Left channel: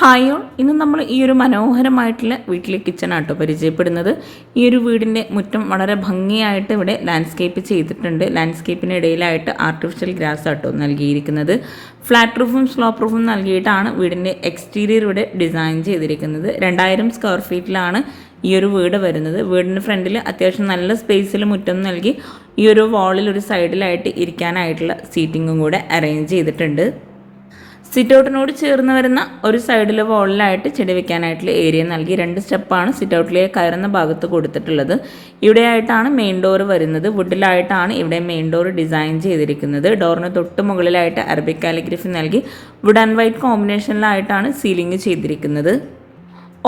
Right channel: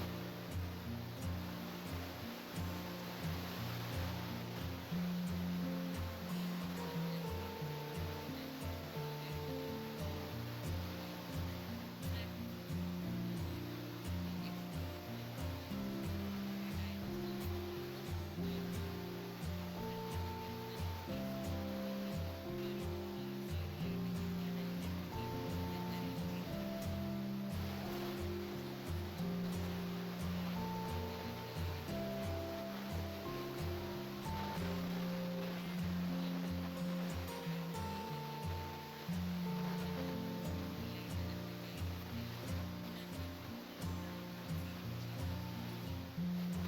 Hi all, ഇന്ന് നമ്മൾ ഈ ഒരു മനോഹരമായിട്ടുള്ള വീട്ടിലെ കിച്ചണാട്ടോ പരിചയപ്പെടുന്നത്. ഈ ഒരു വീടിൻ്റെ മുറ്റം വളരെ ഭംഗിയായിട്ട് ഇവിടെ ലാൻഡ്സ്കേപ്പ് ചെയ്തിട്ടുണ്ട്. ലാൻഡ്സ്കേപ്പിന് ഇടയിലായിട്ട് ആർട്ടിഫിഷ്യൽ ഗ്രാസ് ആട്ടോ നൽകിയിരിക്കുന്നത്. ഫ്ലാറ്റ് റൂഫും സ്ലോപ്പ് റൂഫും നൽകിയിട്ടാണ് വീടിൻ്റെ എക്സ്റ്റീരിയർ ഇവിടെ ഡിസൈൻ ചെയ്തിരിക്കുന്നത്. 2000 സ്ക്വയർ ഫീറ്റിലാണ് ഈ ഒരു വീട് വരുന്നത്. വീടിൻ്റെ ഫ്രണ്ടിൽ അത്യാവശ്യം നല്ല സ്പേസിൽ മുറ്റം നൽകി ഈ ഒരു വാളിൽ ഒരു സൈഡിലായിട്ട് ഇരിക്കാനായിട്ടുള്ള സീറ്റിങ്ങും കൂടെ അറേഞ്ച് ചെയ്തിട്ടുണ്ട്. സിറ്റൗട്ടിനോട് ചേർന്ന് വരുന്ന ഒരു സൈഡിലെ വാളിലായിട്ട് ചെടി വെക്കാനായിട്ടുള്ള ഏരിയ നൽകി 2 സ്റ്റെപ്പാണ് സിറ്റൗട്ടിലേക്ക് കയറുന്ന ഭാഗത്ത് കൊടുത്തിട്ടുള്ളത്. ഇവിടെയായിട്ടാണ് മെയിൻ ഡോർ വരുന്നത്. വുഡിലായിട്ടാണ് ഇവിടെ മെയിൻ ഡോർ ഡിസൈൻ ചെയ്തിരിക്കുന്നത്. ഡോറിന് തൊട്ട് മുകളിലായിട്ട് അറബിക് കാലിഗ്രഫി നൽകി വുഡ് ആൻഡ് വൈറ്റ് കോമ്പിനേഷനിലായിട്ടാണ് സീലിംഗ് ചെയ്തിരിക്കുന്നത്.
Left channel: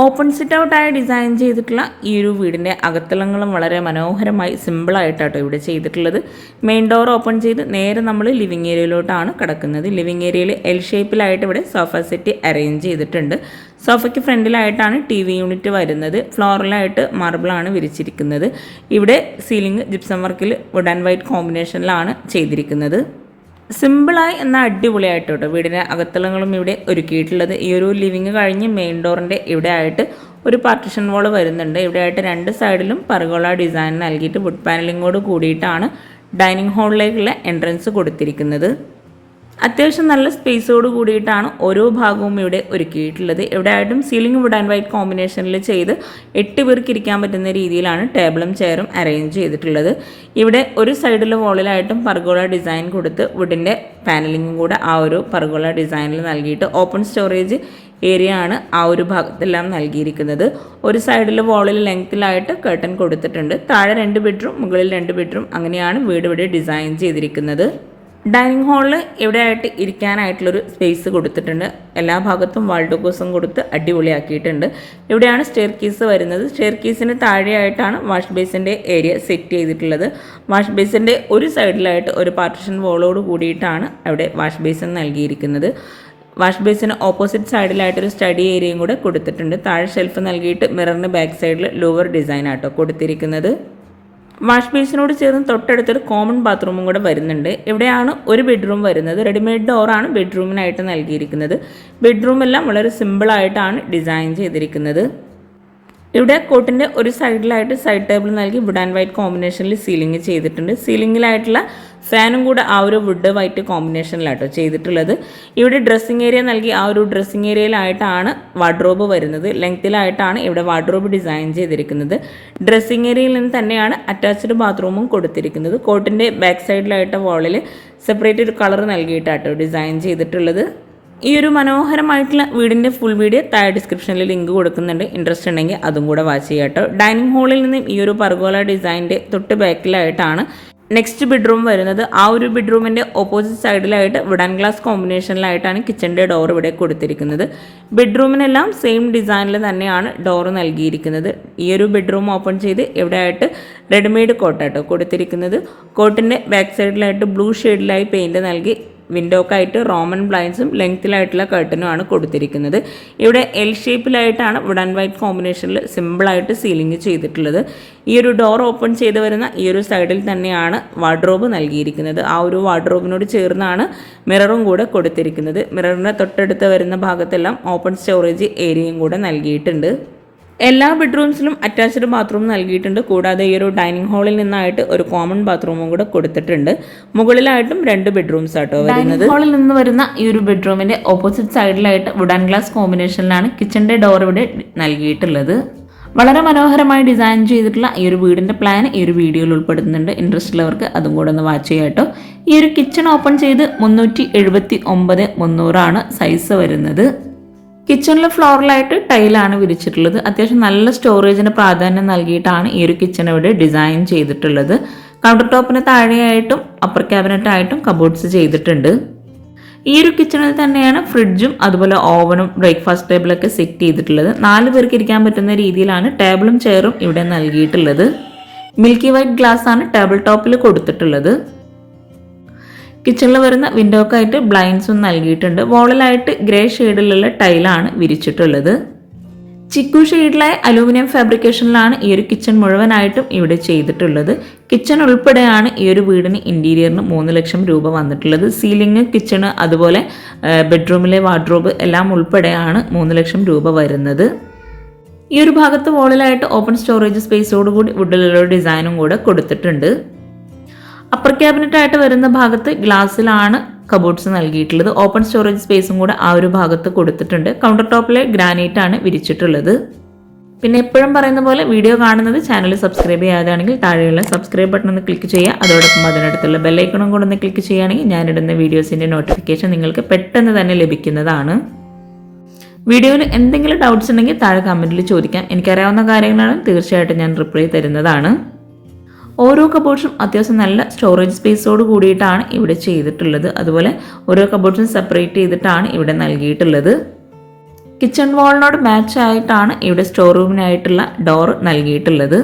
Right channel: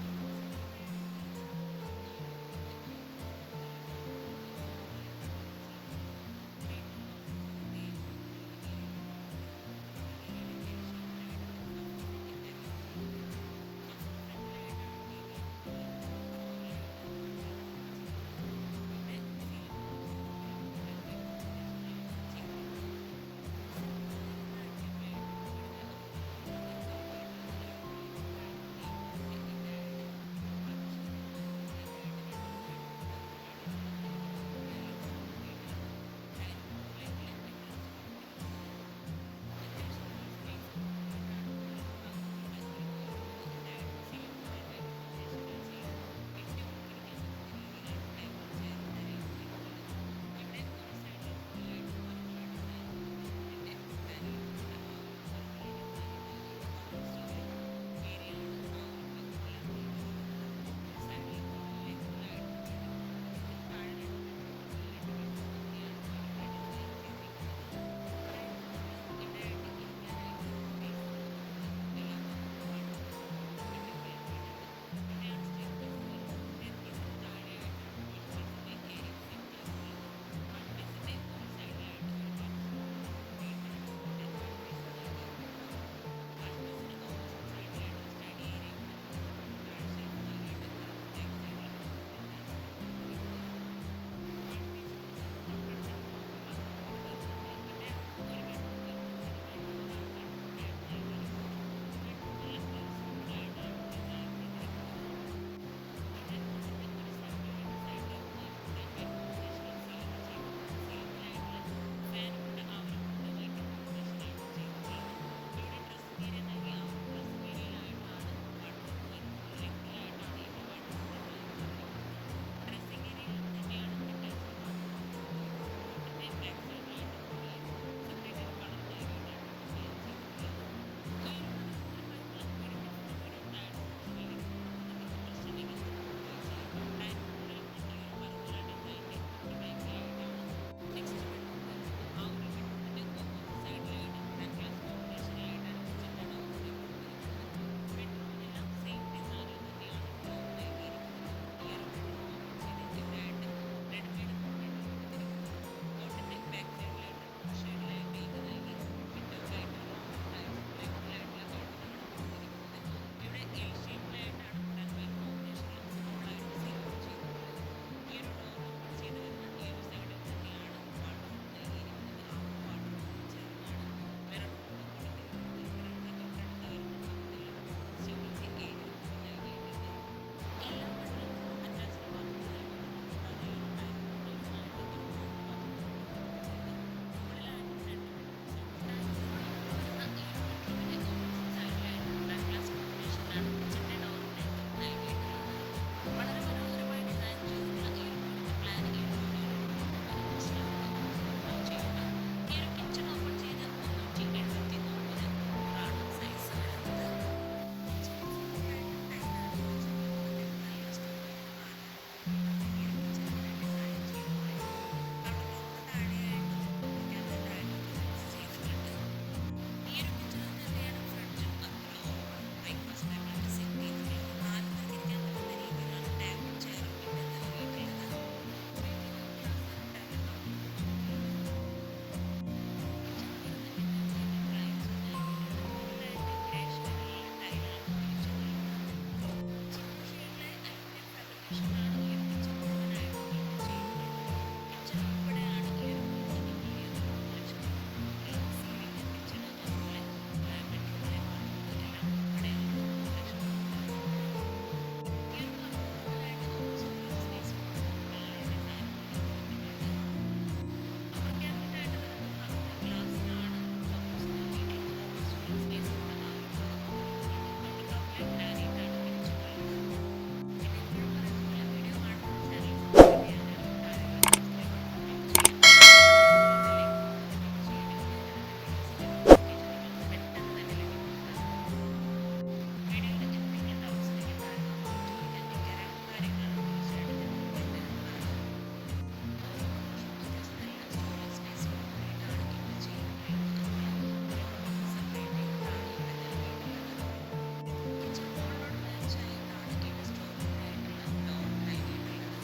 ഓപ്പൺ സിറ്റ് ഔട്ടായി ഡിസൈൻ ചെയ്തിട്ടുള്ള ഈ ഒരു വീടിൻ്റെ അകത്തളങ്ങളും വളരെ മനോഹരമായി സിമ്പിളായിട്ടാട്ടോ ഇവിടെ ചെയ്തിട്ടുള്ളത്. മെയിൻ ഡോർ ഓപ്പൺ ചെയ്ത് നേരെ നമ്മൾ ലിവിങ് ഏരിയയിലോട്ടാണ് കിടക്കുന്നത്. ലിവിങ് ഏരിയയിൽ എൽ ഷേപ്പിലായിട്ട് ഇവിടെ സോഫ സെറ്റ് അറേഞ്ച് ചെയ്തിട്ടുണ്ട്. സോഫയ്ക്ക് ഫ്രണ്ടിലായിട്ടാണ് TV യൂണിറ്റ് വരുന്നത്. ഫ്ലോറിലായിട്ട് മാർബിളാണ് വിരിച്ചിരിക്കുന്നത്. ഇവിടെ സീലിംഗ് ജിപ്സം വർക്കിൽ വുഡ് ആൻഡ് വൈറ്റ് കോമ്പിനേഷനിലാണ് ചെയ്തിരിക്കുന്നത്. സിമ്പിളായി എന്നാൽ അടിപൊളിയായിട്ടോ വീടിൻ്റെ അകത്തളങ്ങളും ഇവിടെ ഒരുക്കിയിട്ടുള്ളത്. ഈ ഒരു ലിവിങ് കഴിഞ്ഞ് മെയിൻ ഡോറിൻ്റെ ഇവിടെ ആയിട്ട് ഒരു പാർട്ടിഷൻ വാൾ വരുന്നുണ്ട്. ഇവിടെ ആയിട്ട് 2 സൈഡിലും പർഗോള ഡിസൈൻ നൽകിയിട്ട് വുഡ് പാനലിങ്ങോട് കൂടിയിട്ടാണ് ഡൈനിങ് ഹാളിലേക്കുള്ള എൻട്രൻസ് കൊടുത്തിരിക്കുന്നത്. അത്യാവശ്യം നല്ല സ്പേസോട് കൂടിയിട്ടാണ് ഓരോ ഭാഗവും ഇവിടെ ഒരുക്കിയിട്ടുള്ളത്. ഇവിടെ ആയിട്ടും സീലിംഗ് വുഡ് ആൻഡ് വൈറ്റ് കോമ്പിനേഷനിൽ ചെയ്ത് 8 പേർക്ക് ഇരിക്കാൻ പറ്റുന്ന രീതിയിലാണ് ടേബിളും ചെയറും അറേഞ്ച് ചെയ്തിട്ടുള്ളത്. ഇവിടെ ഒരു സൈഡിലെ വാളിലായിട്ടും പർഗോള ഡിസൈൻ കൊടുത്ത് വുഡിൻ്റെ പാനലിങ്ങും കൂടെ ആ ഒരു പർഗോള ഡിസൈനിൽ നൽകിയിട്ട് ഓപ്പൺ സ്റ്റോറേജ് ഏരിയ ആണ് ആ ഒരു ഭാഗത്തെല്ലാം നൽകിയിരിക്കുന്നത്. ഒരു സൈഡിൽ വാളിൽ ലെങ്ത്തിലായിട്ട് കർട്ടൻ കൊടുത്തിട്ടുണ്ട്. താഴെ 2 ബെഡ്റൂം, മുകളിൽ 2 ബെഡ്റൂം, അങ്ങനെയാണ് വീട് ഇവിടെ ഡിസൈൻ ചെയ്തിരിക്കുന്നത്. ഡൈനിങ് ഹാളിൽ എവിടെയായിട്ട് ഇരിക്കാനായിട്ടുള്ളൊരു സ്പേസ് കൊടുത്തിട്ടുണ്ട്. എല്ലാ ഭാഗത്തും വാൾ ഡോക്കേഴ്സും കൊടുത്ത് അടിപൊളിയാക്കിയിട്ടുണ്ട്. ഇവിടെയാണ് സ്റ്റെയർ കേസ് വരുന്നത്. സ്റ്റെയർ കേസിന് താഴെയായിട്ടാണ് വാഷ് ബേസിൻ്റെ ഏരിയ സെറ്റ് ചെയ്തിട്ടുള്ളത്. വാഷ് ബേസിൻ്റെ ഒരു സൈഡിലായിട്ട് ഒരു പാർട്ടിഷൻ വോളോട് കൂടിയിട്ടാണ് അവിടെ വാഷ് ബേസിൻ നൽകിയിരിക്കുന്നത്. വാഷ് ബേസിന് ഓപ്പോസിറ്റ് സൈഡിലായിട്ടൊരു സ്റ്റഡി ഏരിയയും കൂടെ കൊടുത്തിട്ടുണ്ട്. താഴെ ഷെൽഫ് നൽകിയിട്ട് മിററിന് ബാക്ക് സൈഡിൽ ലൂവർ ഡിസൈൻ ആട്ടോ കൊടുത്തിരിക്കുന്നത്. വാഷ് ബേസിനോട് ചേർന്ന് തൊട്ടടുത്തൊരു കോമൺ ബാത്റൂമും കൂടെ വരുന്നുണ്ട്. ഇവിടെയാണ് ഒരു ബെഡ്റൂം വരുന്നത്. റെഡിമെയ്ഡ് ഡോറാണ് ബെഡ്റൂമിനായിട്ട് നൽകിയിരിക്കുന്നത്. ബെഡ്റൂമെല്ലാം വളരെ സിമ്പിളായിട്ടാണ് ഡിസൈൻ ചെയ്തിരിക്കുന്നത്. ഇവിടെ കോട്ടിൻ്റെ ഒരു സൈഡിലായിട്ട് സൈഡ് ടേബിൾ നൽകി വുഡ് ആൻഡ് വൈറ്റ് കോമ്പിനേഷനിൽ സീലിംഗ് ചെയ്തിട്ടുണ്ട്. സീലിംഗിലായിട്ടുള്ള ഫാനും കൂടെ ആ ഒരു വുഡ് വൈറ്റ് കോമ്പിനേഷനിലാട്ടോ ചെയ്തിട്ടുള്ളത്. ഇവിടെ ഡ്രസ്സിങ് ഏരിയ നൽകി ആ ഒരു ഡ്രസ്സിങ് ഏരിയയിലായിട്ടാണ് വാർഡ്രോബ് വരുന്നത്. ലെങ്ത്തിലായിട്ടാണ് ഇവിടെ വാർഡ്രോബ് ഡിസൈൻ ചെയ്തിരിക്കുന്നത്. ഡ്രസ്സിങ് ഏരിയയിൽ നിന്ന് തന്നെയാണ് അറ്റാച്ച്ഡ് ബാത്റൂമും കൊടുത്തിരിക്കുന്നത്. കോട്ടിൻ്റെ ബാക്ക് സൈഡിലായിട്ട് വാളിൽ സെപ്പറേറ്റ് ഒരു കളർ നൽകിയിട്ടാട്ടോ ഡിസൈൻ ചെയ്തിട്ടുള്ളത്. ഈ ഒരു മനോഹരമായിട്ടുള്ള വീടിൻ്റെ ഫുൾ വീഡിയോ താഴെ ഡിസ്ക്രിപ്ഷനിൽ ലിങ്ക് കൊടുക്കുന്നുണ്ട്. ഇൻട്രസ്റ്റ് ഉണ്ടെങ്കിൽ അതും കൂടെ വാച്ച് ചെയ്യാം കേട്ടോ. ഡൈനിങ് ഹാളിൽ നിന്നും ഈ ഒരു പർഗോള ഡിസൈൻ്റെ തൊട്ട് ബാക്കിലായിട്ടാണ് നെക്സ്റ്റ് ബെഡ്റൂം വരുന്നത്. ആ ഒരു ബെഡ്റൂമിൻ്റെ ഓപ്പോസിറ്റ് സൈഡിലായിട്ട് വുഡ് ആൻഡ് ഗ്ലാസ് കോമ്പിനേഷനിലായിട്ടാണ് കിച്ചൻ്റെ ഡോർ ഇവിടെ കൊടുത്തിരിക്കുന്നത്. ബെഡ്റൂമിനെല്ലാം സെയിം ഡിസൈനിൽ തന്നെയാണ് ഡോർ നൽകിയിരിക്കുന്നത്. ഈ ഒരു ബെഡ്റൂം ഓപ്പൺ ചെയ്ത് ഇവിടെ ആയിട്ട് റെഡിമെയ്ഡ് കോട്ടാട്ടോ കൊടുത്തിരിക്കുന്നത്. കോട്ടിൻ്റെ ബാക്ക് സൈഡിലായിട്ട് ബ്ലൂ ഷെയ്ഡിലായി പെയിൻറ് നൽകി വിൻഡോക്കായിട്ട് റോമൻ ബ്ലൈൻസും ലെങ്ത്തിലായിട്ടുള്ള കർട്ടനുമാണ് കൊടുത്തിരിക്കുന്നത്. ഇവിടെ എൽ ഷേപ്പിലായിട്ടാണ് വുഡ് ആൻഡ് വൈറ്റ് കോമ്പിനേഷനിൽ സിമ്പിളായിട്ട് സീലിംഗ് ചെയ്തിട്ടുള്ളത്. ഈ ഒരു ഡോർ ഓപ്പൺ ചെയ്ത് വരുന്ന ഈ ഒരു സൈഡിൽ തന്നെയാണ് വാർഡ്രോബ് നൽകിയിരിക്കുന്നത്. ആ ഒരു വാർഡ്രോബിനോട് ചേർന്നാണ് മിററും കൂടെ കൊടുത്തിരിക്കുന്നത്. മിററിൻ്റെ തൊട്ടടുത്ത് വരുന്ന ഭാഗത്തെല്ലാം ഓപ്പൺ സ്റ്റോറേജ് ഏരിയയും കൂടെ നൽകിയിട്ടുണ്ട്. എല്ലാ ബെഡ്റൂംസിലും അറ്റാച്ച്ഡ് ബാത്റൂം നൽകിയിട്ടുണ്ട്. കൂടാതെ ഈ ഒരു ഡൈനിങ് ഹാളിൽ നിന്നായിട്ട് ഒരു കോമൺ ബാത്റൂമും കൂടെ കൊടുത്തിട്ടുണ്ട്. മുകളിലായിട്ടും 2 ബെഡ്റൂംസ് ആട്ടോ വരുന്നത്. ഹാളിൽ നിന്ന് വരുന്ന ഈ ഒരു ബെഡ്റൂമിന്റെ ഓപ്പോസിറ്റ് സൈഡിലായിട്ട് വുഡ് ആൻഡ് ഗ്ലാസ് കോമ്പിനേഷനിലാണ് കിച്ചന്റെ ഡോർ ഇവിടെ നൽകിയിട്ടുള്ളത്. വളരെ മനോഹരമായി ഡിസൈൻ ചെയ്തിട്ടുള്ള ഈ ഒരു വീടിന്റെ പ്ലാൻ ഈ ഒരു വീഡിയോയിൽ ഉൾപ്പെടുത്തുന്നുണ്ട്. ഇൻട്രസ്റ്റ് ഉള്ളവർക്ക് അതും കൂടെ ഒന്ന് വാച്ച് ചെയ്യാം കേട്ടോ. ഈ ഒരു കിച്ചൺ ഓപ്പൺ ചെയ്ത് 379/300 സൈസ് വരുന്നത്. കിച്ചണിൽ ഫ്ലോറിലായിട്ട് ടൈലാണ് വിരിച്ചിട്ടുള്ളത്. അത്യാവശ്യം നല്ല സ്റ്റോറേജിന് പ്രാധാന്യം നൽകിയിട്ടാണ് ഈ ഒരു കിച്ചൺ ഇവിടെ ഡിസൈൻ ചെയ്തിട്ടുള്ളത്. കൗണ്ടർ ടോപ്പിന് താഴെയായിട്ടും അപ്പർ ക്യാബിനറ്റായിട്ടും കബോർഡ്സ് ചെയ്തിട്ടുണ്ട്. ഈ ഒരു കിച്ചണിൽ തന്നെയാണ് ഫ്രിഡ്ജും അതുപോലെ ഓവനും ബ്രേക്ക്ഫാസ്റ്റ് ടേബിളൊക്കെ സെറ്റ് ചെയ്തിട്ടുള്ളത്. 4 പേർക്ക് ഇരിക്കാൻ പറ്റുന്ന രീതിയിലാണ് ടേബിളും ചെയറും ഇവിടെ നൽകിയിട്ടുള്ളത്. മിൽക്കി വൈറ്റ് ഗ്ലാസ് ആണ് ടേബിൾ ടോപ്പിൽ കൊടുത്തിട്ടുള്ളത്. കിച്ചണിൽ വരുന്ന വിൻഡോക്കായിട്ട് ബ്ലൈൻഡ്സും നൽകിയിട്ടുണ്ട്. വോളിലായിട്ട് ഗ്രേ ഷെയ്ഡിലുള്ള ടൈലാണ് വിരിച്ചിട്ടുള്ളത്. ചിക്കു ഷെയ്ഡിലായ അലൂമിനിയം ഫാബ്രിക്കേഷനിലാണ് ഈ ഒരു കിച്ചൺ മുഴുവനായിട്ടും ഇവിടെ ചെയ്തിട്ടുള്ളത്. കിച്ചൺ ഉൾപ്പെടെയാണ് ഈ ഒരു വീടിന് ഇൻറ്റീരിയറിന് 3 ലക്ഷം രൂപ വന്നിട്ടുള്ളത്. സീലിംഗ്, കിച്ചണ്, അതുപോലെ ബെഡ്റൂമിലെ വാർഡ്രോബ് എല്ലാം ഉൾപ്പെടെയാണ് 3 ലക്ഷം രൂപ വരുന്നത്. ഈ ഒരു ഭാഗത്ത് വോളിലായിട്ട് ഓപ്പൺ സ്റ്റോറേജ് സ്പേസോടുകൂടി വുഡിലുള്ള ഡിസൈനും കൂടെ കൊടുത്തിട്ടുണ്ട്. അപ്പർ ക്യാബിനറ്റ് ആയിട്ട് വരുന്ന ഭാഗത്ത് ഗ്ലാസ്സിലാണ് കബോർഡ്സ് നൽകിയിട്ടുള്ളത്. ഓപ്പൺ സ്റ്റോറേജ് സ്പേസും കൂടെ ആ ഒരു ഭാഗത്ത് കൊടുത്തിട്ടുണ്ട്. കൗണ്ടർ ടോപ്പിലെ ഗ്രാനൈറ്റ് ആണ് വിരിച്ചിട്ടുള്ളത്. പിന്നെ എപ്പോഴും പറയുന്ന പോലെ വീഡിയോ കാണുന്നത് ചാനൽ സബ്സ്ക്രൈബ് ചെയ്യാതാണെങ്കിൽ താഴെയുള്ള സബ്സ്ക്രൈബ് ബട്ടൺ ഒന്ന് ക്ലിക്ക് ചെയ്യുക. അതോടൊപ്പം അതിനടുത്തുള്ള ബെല്ലൈക്കണും കൂടെ ഒന്ന് ക്ലിക്ക് ചെയ്യുകയാണെങ്കിൽ ഞാനിടുന്ന വീഡിയോസിൻ്റെ നോട്ടിഫിക്കേഷൻ നിങ്ങൾക്ക് പെട്ടെന്ന് തന്നെ ലഭിക്കുന്നതാണ്. വീഡിയോയിൽ എന്തെങ്കിലും ഡൗട്ട്സ് ഉണ്ടെങ്കിൽ താഴെ കമൻറ്റിൽ ചോദിക്കാം. എനിക്കറിയാവുന്ന കാര്യങ്ങളാണ്, തീർച്ചയായിട്ടും ഞാൻ റിപ്ലൈ തരുന്നതാണ്. ഓരോ കബോർഡ്സും അത്യാവശ്യം നല്ല സ്റ്റോറേജ് സ്പേസോട് കൂടിയിട്ടാണ് ഇവിടെ ചെയ്തിട്ടുള്ളത്. അതുപോലെ ഓരോ കബോർഡ്സും സെപ്പറേറ്റ് ചെയ്തിട്ടാണ് ഇവിടെ നൽകിയിട്ടുള്ളത്. കിച്ചൺ വാളിനോട് മാച്ച് ആയിട്ടാണ് ഇവിടെ സ്റ്റോർ റൂമിനായിട്ടുള്ള ഡോർ നൽകിയിട്ടുള്ളത്.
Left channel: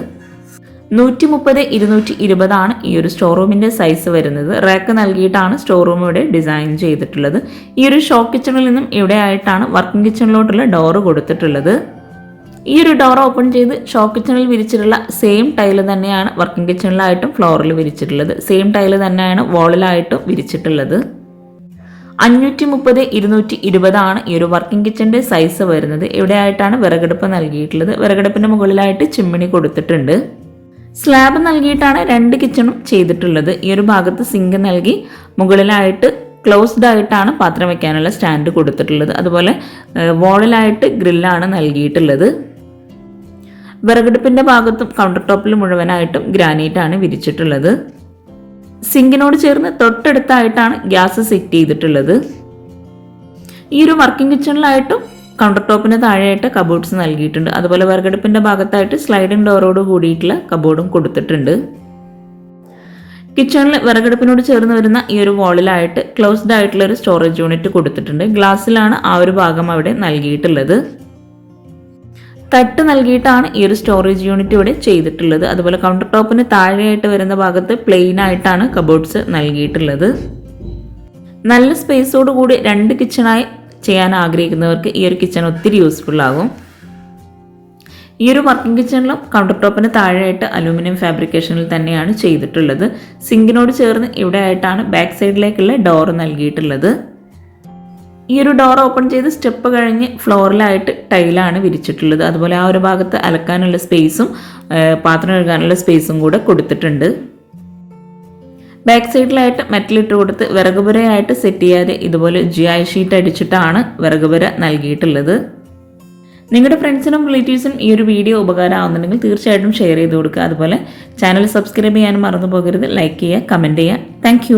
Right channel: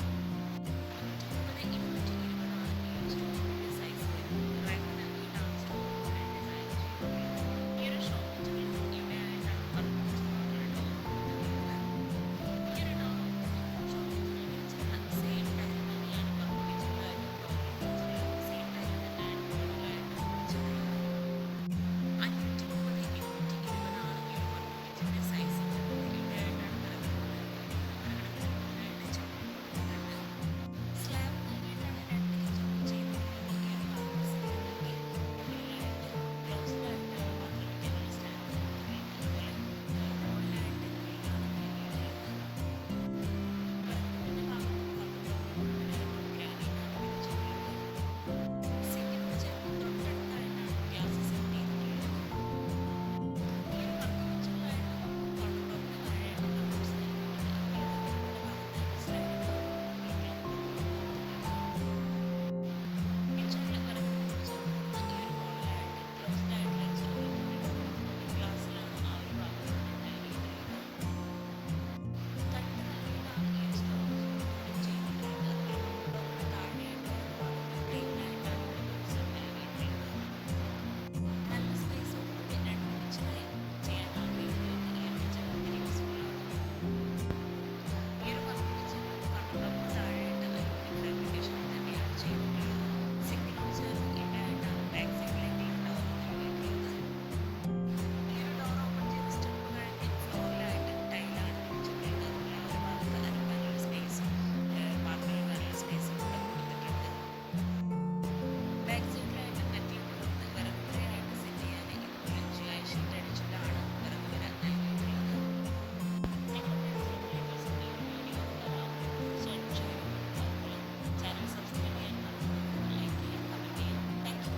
130x220 ആണ് ഈ ഒരു സ്റ്റോർ റൂമിൻ്റെ സൈസ് വരുന്നത്. റാക്ക് നൽകിയിട്ടാണ് സ്റ്റോർ റൂം ഇവിടെ ഡിസൈൻ ചെയ്തിട്ടുള്ളത്. ഈ ഒരു ഷോപ്പ് കിച്ചണിൽ നിന്നും ഇവിടെ ആയിട്ടാണ് വർക്കിംഗ് കിച്ചണിലോട്ടുള്ള ഡോറ് കൊടുത്തിട്ടുള്ളത്. ഈ ഒരു ഡോർ ഓപ്പൺ ചെയ്ത് ഷോപ്പ് കിച്ചണിൽ വിരിച്ചിട്ടുള്ള സെയിം ടൈല് തന്നെയാണ് വർക്കിംഗ് കിച്ചണിലായിട്ടും ഫ്ലോറിൽ വിരിച്ചിട്ടുള്ളത്. സെയിം ടൈല് തന്നെയാണ് വാളിലായിട്ടും വിരിച്ചിട്ടുള്ളത്. 530x220 ആണ് ഈ ഒരു വർക്കിംഗ് കിച്ചണിൻ്റെ സൈസ് വരുന്നത്. ഇവിടെ ആയിട്ടാണ് വിറകടുപ്പ് നൽകിയിട്ടുള്ളത്. വിറകടുപ്പിൻ്റെ മുകളിലായിട്ട് ചിമ്മിണി കൊടുത്തിട്ടുണ്ട്. സ്ലാബ് നൽകിയിട്ടാണ് 2 കിച്ചണും ചെയ്തിട്ടുള്ളത്. ഈ ഒരു ഭാഗത്ത് സിങ്ക് നൽകി മുകളിലായിട്ട് ക്ലോസ്ഡ് ആയിട്ടാണ് പാത്രം വയ്ക്കാനുള്ള സ്റ്റാൻഡ് കൊടുത്തിട്ടുള്ളത്. അതുപോലെ വാളിലായിട്ട് ഗ്രില്ലാണ് നൽകിയിട്ടുള്ളത്. വിറകടുപ്പിൻ്റെ ഭാഗത്തും കൗണ്ടർ ടോപ്പിൽ മുഴുവനായിട്ടും ഗ്രാനൈറ്റ് ആണ് വിരിച്ചിട്ടുള്ളത്. സിങ്കിനോട് ചേർന്ന് തൊട്ടടുത്തായിട്ടാണ് ഗ്യാസ് സെറ്റ് ചെയ്തിട്ടുള്ളത്. ഈ ഒരു വർക്കിംഗ് കിച്ചണിലായിട്ടും കൗണ്ടർ ടോപ്പിന് താഴെയായിട്ട് കബോർഡ്സ് നൽകിയിട്ടുണ്ട്. അതുപോലെ വിറകടുപ്പിൻ്റെ ഭാഗത്തായിട്ട് സ്ലൈഡിംഗ് ഡോറോട് കൂടിയിട്ടുള്ള കബോർഡും കൊടുത്തിട്ടുണ്ട്. കിച്ചണിൽ വിറകടുപ്പിനോട് ചേർന്ന് വരുന്ന ഈ ഒരു വാളിലായിട്ട് ക്ലോസ്ഡ് ആയിട്ടുള്ള ഒരു സ്റ്റോറേജ് യൂണിറ്റ് കൊടുത്തിട്ടുണ്ട്. ഗ്ലാസ്സിലാണ് ആ ഒരു ഭാഗം അവിടെ നൽകിയിട്ടുള്ളത്. തട്ട് നൽകിയിട്ടാണ് ഈ ഒരു സ്റ്റോറേജ് യൂണിറ്റ് ഇവിടെ ചെയ്തിട്ടുള്ളത്. അതുപോലെ കൗണ്ടർ ടോപ്പിന് താഴെയായിട്ട് വരുന്ന ഭാഗത്ത് പ്ലെയിൻ ആയിട്ടാണ് കബോർഡ്സ് നൽകിയിട്ടുള്ളത്. നല്ല സ്പേസോട് കൂടി 2 കിച്ചണായി ചെയ്യാൻ ആഗ്രഹിക്കുന്നവർക്ക് ഈ ഒരു കിച്ചൺ ഒത്തിരി യൂസ്ഫുൾ ആകും. ഈ ഒരു വർക്കിംഗ് കിച്ചണിലും കൗണ്ടർ ടോപ്പിന് താഴെയായിട്ട് അലൂമിനിയം ഫാബ്രിക്കേഷനിൽ തന്നെയാണ് ചെയ്തിട്ടുള്ളത്. സിങ്കിനോട് ചേർന്ന് ഇവിടെ ആയിട്ടാണ് ബാക്ക് സൈഡിലേക്കുള്ള ഡോർ നൽകിയിട്ടുള്ളത്. ഈ ഒരു ഡോർ ഓപ്പൺ ചെയ്ത് സ്റ്റെപ്പ് കഴിഞ്ഞ് ഫ്ലോറിലായിട്ട് ടൈലാണ് വിരിച്ചിട്ടുള്ളത്. അതുപോലെ ആ ഒരു ഭാഗത്ത് അലക്കാനുള്ള സ്പേസും പാത്രം കഴുകാനുള്ള സ്പേസും കൂടെ കൊടുത്തിട്ടുണ്ട്. ബാക്ക് സൈഡിലായിട്ട് മെറ്റലിട്ട് കൊടുത്ത് വിറകുപുരയായിട്ട് സെറ്റ് ചെയ്യാതെ ഇതുപോലെ GI ഷീറ്റ് അടിച്ചിട്ടാണ് വിറകുപുര നൽകിയിട്ടുള്ളത്. നിങ്ങളുടെ ഫ്രണ്ട്സിനും റിലേറ്റീവ്സിനും ഈ ഒരു വീഡിയോ ഉപകാരമാകുന്നുണ്ടെങ്കിൽ തീർച്ചയായിട്ടും ഷെയർ ചെയ്ത് കൊടുക്കുക. അതുപോലെ ചാനൽ സബ്സ്ക്രൈബ് ചെയ്യാനും മറന്നു പോകരുത്. ലൈക്ക് ചെയ്യുക, കമൻറ്റ് ചെയ്യുക. താങ്ക്